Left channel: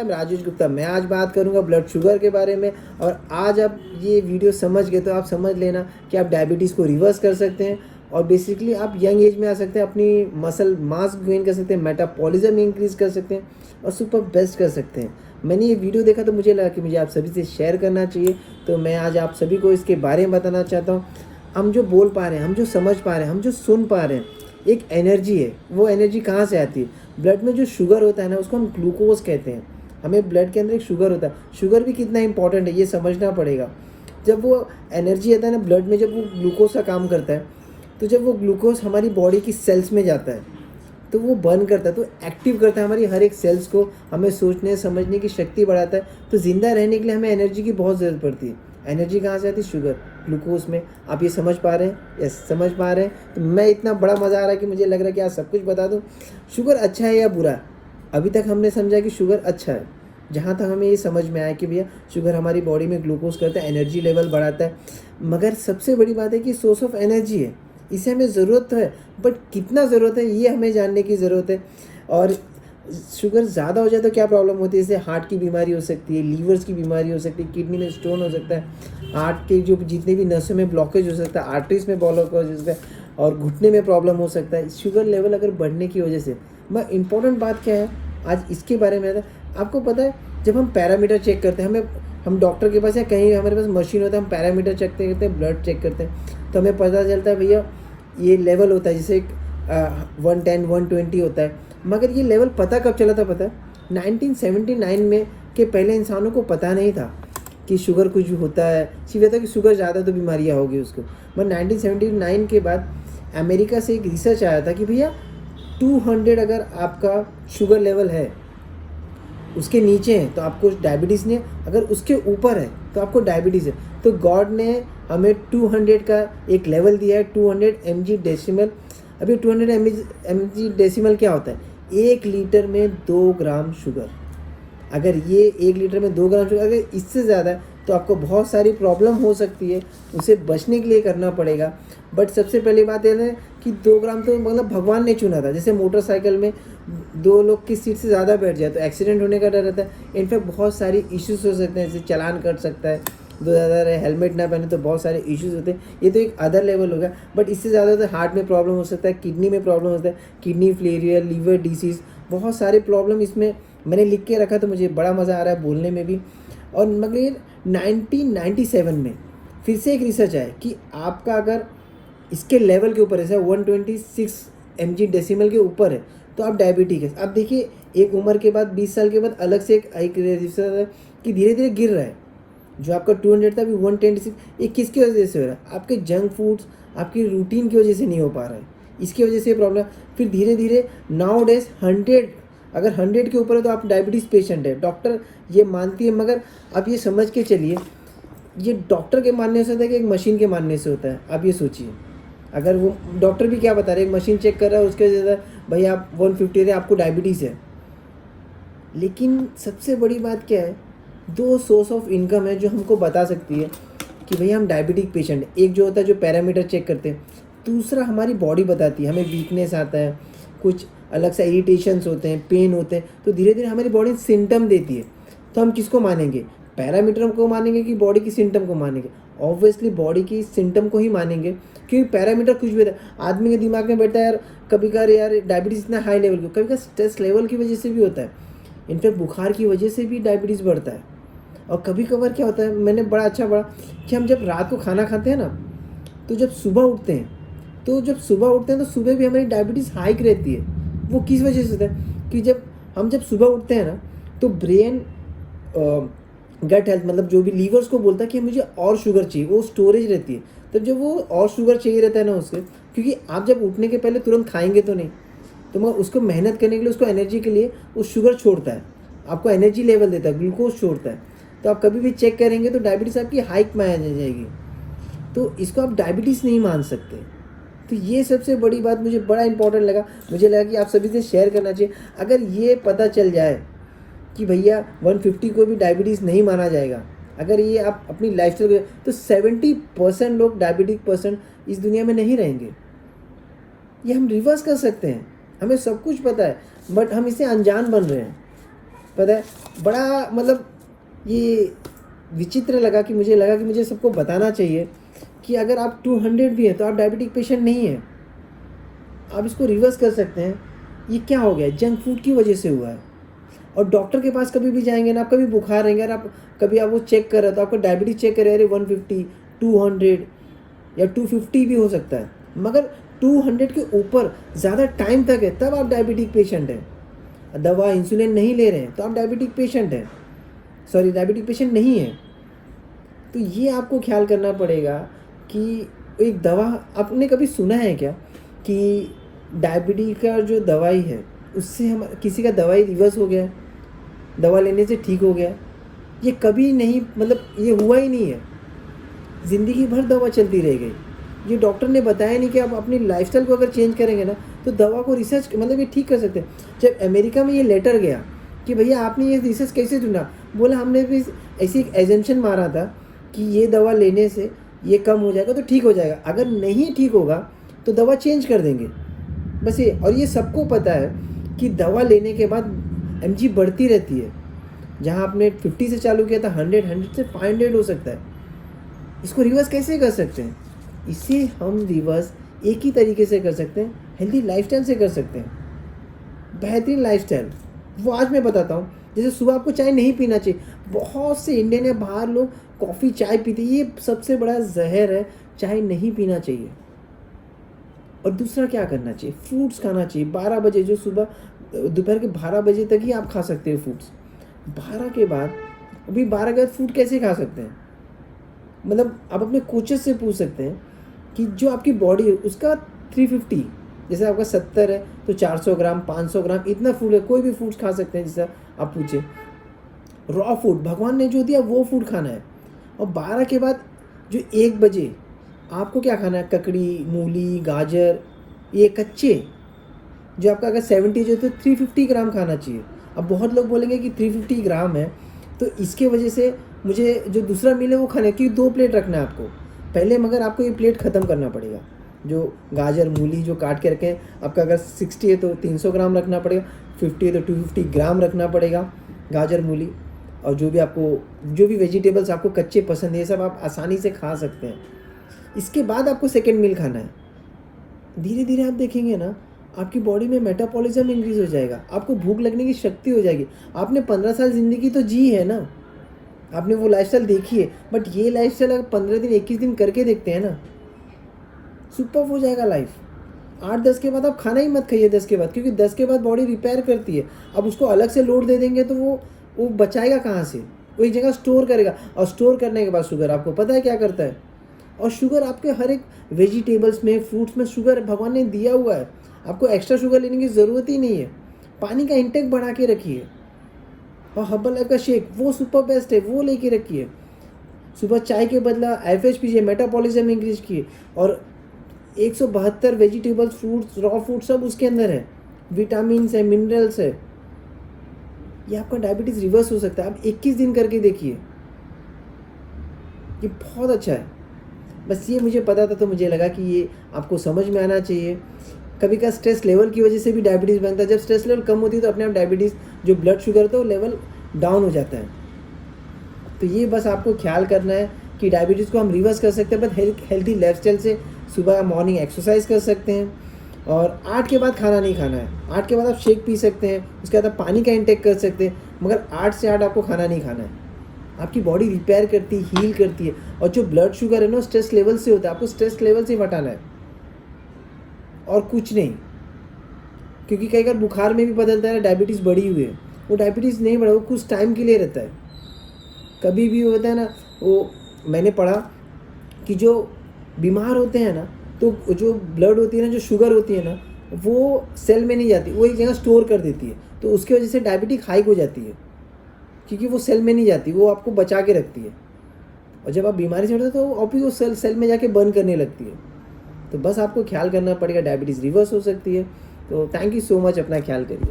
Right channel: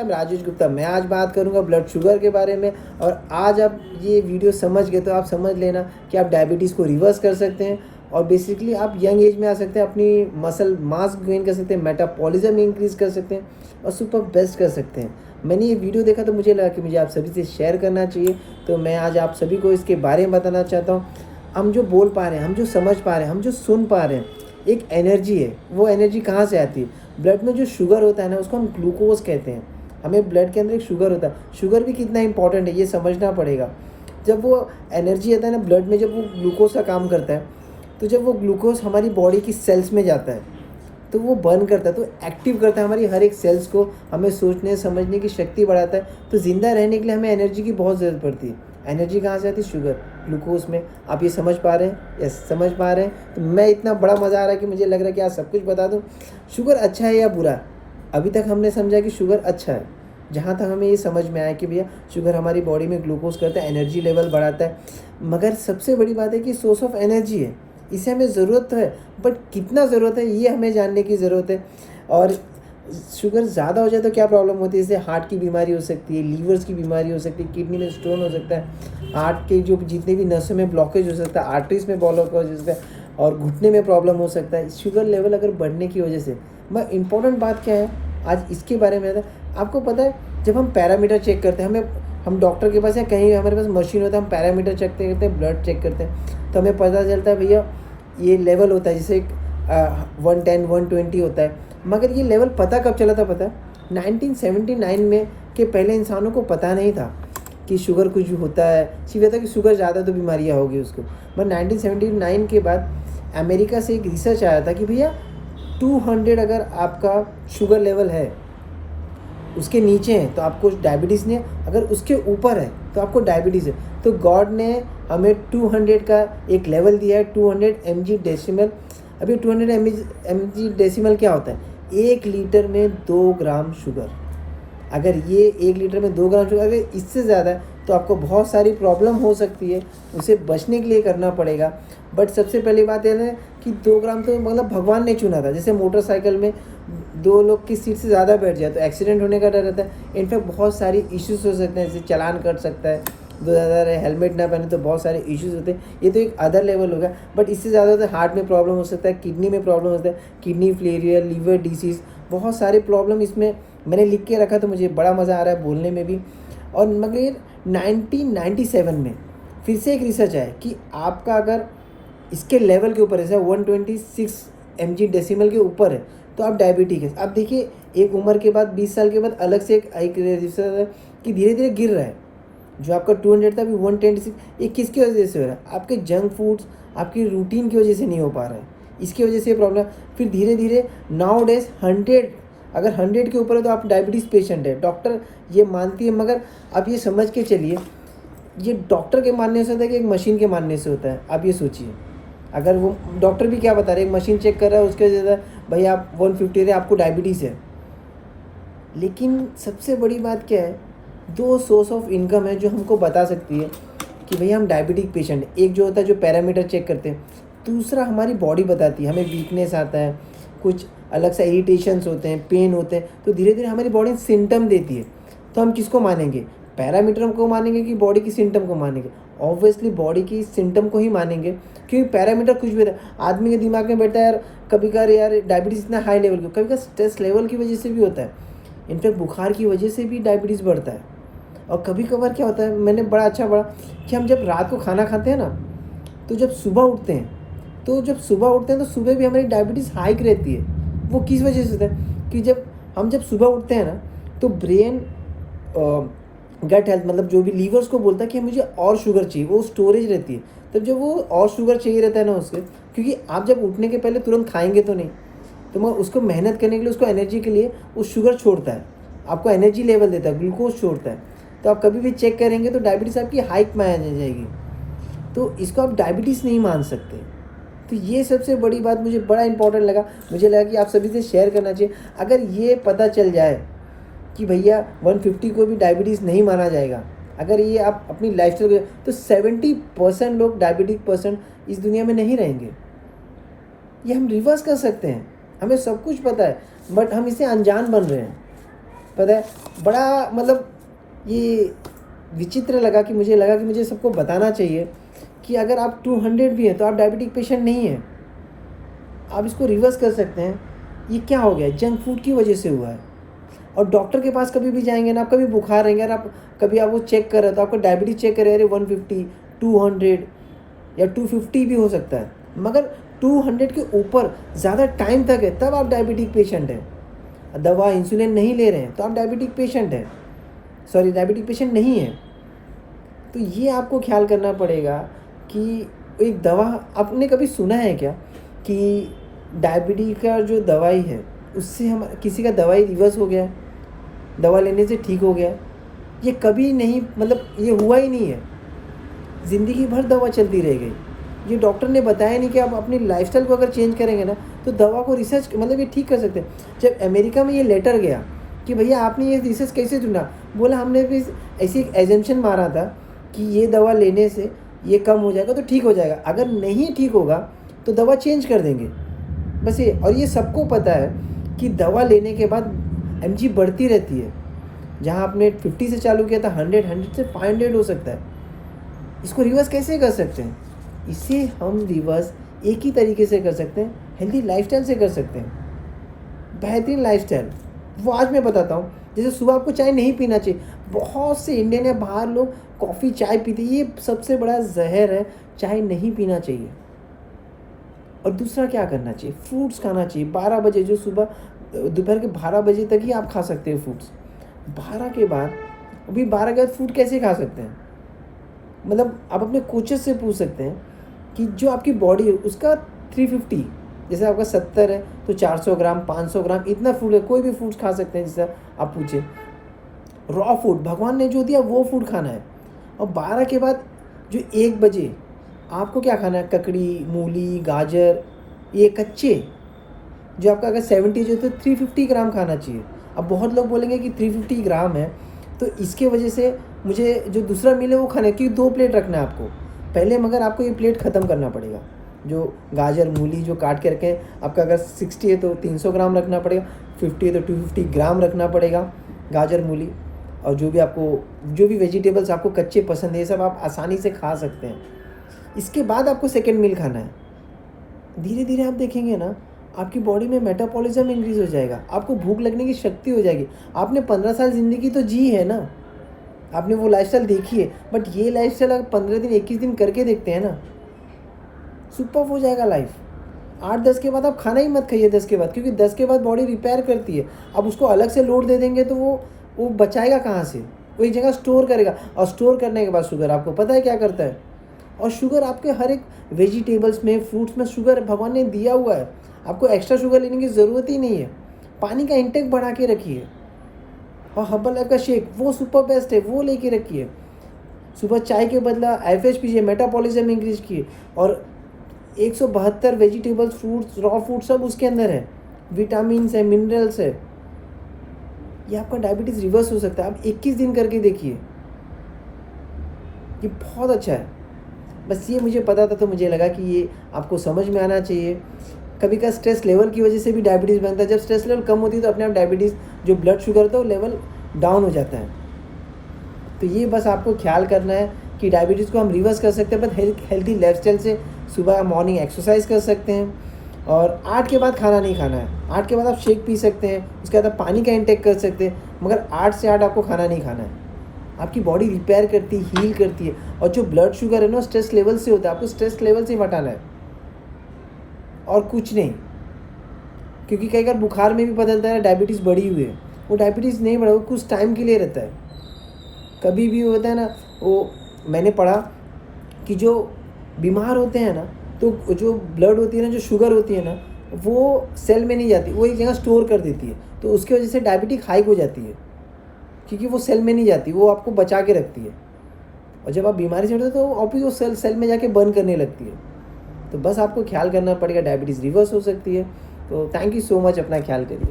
I am Rajesh Gupta. मैं आज बात करूंगा ब्लड शुगर के बारे में। और आज आप ये वीडियो समझ गए तो आप समझ लेना कि आप डायबिटीज़ को रिवर्स कर सकते हैं और बेसिकली आप यंग एज में आ सकते हैं, अपनी मसल मास गेन कर सकते हैं, मेटाबॉलिज्म इंक्रीज कर सकते हैं और सुपर बेस्ट कर सकते हैं। मैंने ये वीडियो देखा तो मुझे लगा कि मुझे आप सभी से शेयर करना चाहिए, तो मैं आज आप सभी को इसके बारे में बताना चाहता हूँ। हम जो बोल पा रहे हैं, हम जो समझ पा रहे हैं, हम जो सुन पा रहे हैं, एक एनर्जी है। वो एनर्जी कहाँ से आती है? ब्लड में जो शुगर होता है ना, उसको हम ग्लूकोज कहते हैं। हमें ब्लड के अंदर एक शुगर होता है। शुगर भी कितना इंपॉर्टेंट है ये समझना पड़ेगा। जब वो एनर्जी आता है ना ब्लड में, जब वो ग्लूकोज का काम करता है, तो जब वो ग्लूकोज हमारी बॉडी की सेल्स में जाता है तो वो बर्न करता है, तो एक्टिव करता है हमारी हर एक सेल्स को, हमें सोचने समझने की शक्ति बढ़ाता है। तो ज़िंदा रहने के लिए हमें एनर्जी की बहुत ज़रूरत पड़ती है। एनर्जी कहाँ से आती है? शुगर, ग्लूकोज में। आप ये समझ पा रहे हैं? यस, समझ पा रहे हैं। तो मैं इतना बड़ा मज़ा आ रहा है कि मुझे लग रहा है कि आज सब कुछ बता दूँ। शुगर अच्छा है या बुरा? अभी तक हमने समझा कि शुगर अच्छा है। जहाँ तक हमें ये समझ में आया कि भैया शुगर हमारी बॉडी में ग्लूकोज करता है, एनर्जी लेवल बढ़ाता है। मगर सबसे बड़ी बात है कि सोर्स ऑफ एनर्जी है, इसे हमें ज़रूरत तो है, बट कितना ज़रूरत है ये हमें जानने की ज़रूरत है। और शुगर ज़्यादा हो जाए तो क्या प्रॉब्लम होती है? जैसे हार्ट की बीमारी हो सकती है, लीवर्स की बीमारी हो सकती है, किडनी में स्टोन हो सकता है, हार्ट के जो जितने भी नसों में ब्लॉकेज हो सकता है, आर्टरीज में ब्लॉकेज हो सकता है और घुटने में प्रॉब्लम हो सकता है शुगर लेवल अगर बढ़ने की वजह से। मैं इंपॉर्टेंट बात क्या है आज इसके बारे में है। आपको पता है जब हम पैरामीटर चेक करते हैं, हम डॉक्टर के पास या कहीं हमारे पास मशीन होता है, हम पैरामीटर चेक करते हैं, ब्लड चेक करते हैं, तो हमें पता चलता है भैया ये लेवल होता है, जैसे 110 120 होता है। मगर ये लेवल पता कब चला था? पता है 1979 में के पहले इंसानों को पता नहीं था कि शुगर कुछ होता है। सिर्फ था कि शुगर ज़्यादा तो बीमारियाँ होगी उसको। मगर 1979 के बाद अमेरिका से एक रिसर्च आया था कि भैया 200 अगर आपका शुगर लेवल है, उसके नीचे है तो आपको डायबिटीज़ नहीं है, अगर उसके ऊपर है तो आपको डायबिटीज़ है। तो गॉड ने हमें 200 का एक लेवल दिया है, 200 mg डेसिमल। अभी 200 mg डेसिमल क्या होता है? 1 लीटर में 2 ग्राम शुगर। अगर ये 1 लीटर में 2 ग्राम शुगर, अगर इससे ज़्यादा है तो आपको बहुत सारी प्रॉब्लम हो सकती है, उसे बचने के लिए करना पड़ेगा। बट सबसे पहली बात यह है कि 2 ग्राम तो मतलब भगवान ने चुना था। जैसे मोटरसाइकिल में 2 लोग की सीट से ज़्यादा बैठ जाए तो एक्सीडेंट होने का डर रहता है। इनफैक्ट बहुत सारी इश्यूज हो सकते हैं, जैसे चालान कट सकता है, 2000 हेलमेट ना पहने तो बहुत सारे इश्यूज होते हैं। ये तो एक अदर लेवल हो गया। बट इससे ज़्यादा तो हार्ट में प्रॉब्लम हो सकता है, किडनी में प्रॉब्लम होता है, किडनी फेलियर, लीवर डिसीज़, बहुत सारे प्रॉब्लम इसमें मैंने लिख के रखा, तो मुझे बड़ा मज़ा आ रहा है बोलने में भी। और मगर 1997 में फिर से एक रिसर्च आया कि आपका अगर इसके लेवल के ऊपर है, 126 mg डेसिमल के ऊपर है, तो आप डायबिटिक है। अब देखिए एक उम्र के बाद 20 साल के बाद अलग से एक रिसर्च है कि धीरे धीरे गिर रहा है। जो आपका 200 था अभी 126, ये किसकी वजह से हो रहा है? आपके जंक फूड्स, आपकी रूटीन की वजह से नहीं हो पा रहा है, इसकी वजह से प्रॉब्लम। फिर धीरे धीरे नाउ डेज 100, अगर 100 के ऊपर है तो आप डायबिटीज़ पेशेंट है, डॉक्टर ये मानती है। मगर आप ये समझ के चलिए, ये डॉक्टर के मानने से होता है कि एक मशीन के मानने से होता है? आप ये सोचिए, अगर वो डॉक्टर भी क्या बता रहे हैं, एक मशीन चेक कर रहा है, उसके वजह से भाई आप 150 है, आपको डायबिटीज़ है। लेकिन सबसे बड़ी बात क्या है? 2 सोर्स ऑफ इनकम है जो हमको बता सकती है कि भैया हम डायबिटिक पेशेंट हैं। एक जो होता है जो पैरामीटर चेक करते हैं, दूसरा हमारी बॉडी बताती है, हमें वीकनेस आता है, कुछ अलग से इरिटेशंस होते हैं, पेन होते हैं, तो धीरे धीरे हमारी बॉडी सिम्टम देती है। तो हम किसको मानेंगे? पैरामीटर को मानेंगे कि बॉडी की सिम्टम को मानेंगे? ऑब्वियसली बॉडी की सिम्टम को ही मानेंगे, क्योंकि पैरामीटर कुछ भी है। आदमी के दिमाग में बैठा है यार, कभी कभार यार डायबिटीज़ इतना हाई लेवल क्यों? कभी कभी स्ट्रेस लेवल की वजह से भी होता है, इनफैक्ट बुखार की वजह से भी डायबिटीज़ बढ़ता है। और कभी कभार क्या होता है, मैंने बड़ा अच्छा पढ़ा कि हम जब रात को खाना खाते हैं ना, तो जब सुबह उठते हैं तो सुबह भी हमारी डायबिटीज़ हाइक रहती है। वो किस वजह से होता है कि जब सुबह उठते हैं ना, तो ब्रेन गट हेल्थ, मतलब जो भी लीवर्स को बोलता है कि मुझे और शुगर चाहिए, वो स्टोरेज रहती है। तो जब वो और शुगर चाहिए रहता है ना उसके, क्योंकि आप जब उठने के पहले तुरंत खाएंगे तो नहीं, तो मगर उसको मेहनत करने के लिए, उसको एनर्जी के लिए वो शुगर छोड़ता है, आपको एनर्जी लेवल देता है, ग्लूकोज छोड़ता है। तो आप कभी भी चेक करेंगे तो डायबिटीज़ आपकी हाइक में आ जाएगी, तो इसको आप डायबिटीज़ नहीं मान सकते। तो ये सबसे बड़ी बात मुझे बड़ा इंपॉर्टेंट लगा, मुझे लगा कि आप सभी से शेयर करना चाहिए। अगर ये पता चल जाए कि भैया 150 को भी डायबिटीज़ नहीं माना जाएगा, अगर ये आप अपनी लाइफ स्टाइल, तो 70% लोग डायबिटिक पर्सन इस दुनिया में नहीं रहेंगे। ये हम रिवर्स कर सकते हैं, हमें सब कुछ पता है, बट हम इसे अनजान बन रहे हैं। पता है, बड़ा मतलब ये विचित्र लगा कि मुझे सबको बताना चाहिए कि अगर आप 200 भी हैं तो आप डायबिटिक पेशेंट नहीं हैं, आप इसको रिवर्स कर सकते हैं। ये क्या हो गया, जंक फूड की वजह से हुआ है। और डॉक्टर के पास कभी भी जाएंगे ना, आप कभी बुखार रहेंगे ना, आप कभी आपको चेक कर रहे तो आपको डायबिटीज चेक करे, अरे 150, 200 या 250 भी हो सकता है, मगर 200 के ऊपर ज़्यादा टाइम तक है तब आप डायबिटिक पेशेंट हैं। दवा इंसुलिन नहीं ले रहे हैं तो आप डायबिटिक पेशेंट हैं, सॉरी डायबिटिक पेशेंट नहीं है। तो ये आपको ख्याल करना पड़ेगा कि एक दवा, आपने कभी सुना है क्या कि डायबिटीज का जो दवाई है उससे हम किसी का दवाई रिवर्स हो गया है, दवा लेने से ठीक हो गया है? ये कभी नहीं, मतलब ये हुआ ही नहीं है। ज़िंदगी भर दवा चलती रह गई। ये डॉक्टर ने बताया नहीं कि आप अपनी लाइफस्टाइल को अगर चेंज करेंगे ना तो दवा को रिसर्च मतलब ये ठीक कर सकते हैं। जब अमेरिका में ये लेटर गया कि भैया आपने ये रिसर्च कैसे चुना, बोला हमने भी ऐसी एक एजम्पशन मारा था कि ये दवा लेने से ये कम हो जाएगा तो ठीक हो जाएगा, अगर नहीं ठीक होगा तो दवा चेंज कर देंगे, बस ये। और ये सबको पता है कि दवा लेने के बाद mg बढ़ती रहती है। जहाँ आपने 50 से चालू किया था 100 से 500 हो सकता है। इसको रिवर्स कैसे कर सकते हैं? इसे हम रिवर्स एक ही तरीके से कर सकते हैं, हेल्दी लाइफस्टाइल से कर सकते हैं। बेहतरीन लाइफस्टाइल वो आज मैं बताता हूँ। जैसे सुबह आपको चाय नहीं पीना चाहिए, बहुत से इंडियन या बाहर लोग कॉफ़ी चाय पीते, ये सबसे बड़ा जहर है, चाय नहीं पीना चाहिए। और दूसरा क्या करना चाहिए, फ्रूट्स खाना चाहिए 12 बजे, जो सुबह दोपहर के 12 बजे तक ही आप खा सकते हो फ्रूट्स। 12 के बाद, अभी 12 के बाद फ्रूट कैसे खा सकते हैं, मतलब आप अपने कोचेस से पूछ सकते हैं कि जो आपकी बॉडी है उसका 350, जैसे आपका 70 है तो 400 ग्राम 500 ग्राम इतना फूड है, कोई भी फ्रूट्स खा सकते हैं। जैसा आप पूछे रॉ फूड भगवान ने जो दिया वो फूड खाना है। और 12 के बाद जो 1 बजे आपको क्या खाना है, ककड़ी, मूली, गाजर, ये कच्चे, जो आपका अगर 70 है तो 350 ग्राम खाना चाहिए। अब बहुत लोग बोलेंगे कि 350 ग्राम है तो इसके वजह से मुझे जो दूसरा मील है वो खाने, क्योंकि 2 प्लेट रखना है आपको पहले, मगर आपको ये प्लेट ख़त्म करना पड़ेगा। जो गाजर मूली जो काट के रखें, आपका अगर 60 है तो 300 ग्राम रखना पड़ेगा, 50 है तो 250 ग्राम रखना पड़ेगा गाजर मूली। और जो भी वेजिटेबल्स आपको कच्चे पसंद है ये सब आप आसानी से खा सकते हैं। इसके बाद आपको सेकेंड मील खाना है। धीरे धीरे आप देखेंगे ना आपकी बॉडी में मेटाबॉलिज्म इंक्रीज हो जाएगा, आपको भूख लगने की शक्ति हो जाएगी। आपने 15 साल ज़िंदगी तो जी है ना, आपने वो लाइफस्टाइल देखी है, बट ये लाइफस्टाइल अगर 15 दिन 21 दिन करके देखते हैं ना, सुपर हो जाएगा लाइफ। 8-10 के बाद आप खाना ही मत खाइए 10 के बाद, क्योंकि 10 के बाद बॉडी रिपेयर करती है। अब उसको अलग से लोड दे देंगे तो वो बचाएगा कहाँ से, वो एक जगह स्टोर करेगा। और स्टोर करने के बाद शुगर आपको पता है क्या करता है, और शुगर आपके हर एक वेजिटेबल्स में फ्रूट्स में शुगर भगवान ने दिया हुआ है, आपको एक्स्ट्रा शुगर लेने की ज़रूरत ही नहीं है। पानी का इंटेक बढ़ा के रखिए, और हर्बल लाइफ का शेक वो सुपर बेस्ट है, वो लेके रखिए। सुबह चाय के बदला एफएच पीजिए, मेटाबॉलिज्म इंक्रीज किए। और 172 वेजिटेबल्स, फ्रूट्स, रॉ फूड सब उसके अंदर है, विटामिन है, मिनरल्स है। ये आपका डायबिटीज़ रिवर्स हो सकता है। आप 21 दिन करके देखिए, ये बहुत अच्छा है। बस ये मुझे पता था तो मुझे लगा कि ये आपको समझ में आना चाहिए। कभी का स्ट्रेस लेवल की वजह से भी डायबिटीज़ बनता है। जब स्ट्रेस लेवल कम होती है तो अपने आप डायबिटीज़ जो ब्लड शुगर होता है वो लेवल डाउन हो जाता है। तो ये बस आपको ख्याल करना है कि डायबिटीज़ को हम रिवर्स कर सकते हैं, बट हेल्थी लाइफस्टाइल से। सुबह मॉर्निंग एक्सरसाइज कर सकते हैं, और 8 के बाद खाना नहीं खाना है। 8 के बाद आप शेक पी सकते हैं, उसके बाद आप पानी का इंटेक कर सकते हैं, मगर 8 से 8 आपको खाना नहीं खाना है। आपकी बॉडी रिपेयर करती है, हील करती है। और जो ब्लड शुगर है ना स्ट्रेस लेवल से होता है, आपको स्ट्रेस लेवल से हटाना है और कुछ नहीं। क्योंकि कई बार बुखार में भी बदलता है डायबिटीज़ बढ़ी हुई है, वो डायबिटीज़ नहीं बढ़ा, वो कुछ टाइम के लिए रहता है। कभी भी होता है ना, वो मैंने पढ़ा कि जो बीमार होते हैं ना, तो जो ब्लड होती है ना, जो शुगर होती है ना, वो सेल में नहीं जाती, वो एक जगह स्टोर कर देती है। तो उसकी वजह से डायबिटिक हाइक हो जाती है, क्योंकि वो सेल में नहीं जाती, वो आपको बचा के रखती है। और जब आप बीमारी से उठते हो तो ऑफिस वो सेल में जाके बर्न करने लगती है। तो बस आपको ख्याल करना पड़ेगा, डायबिटीज़ रिवर्स हो सकती है। तो थैंक यू सो मच, अपना ख्याल करिए।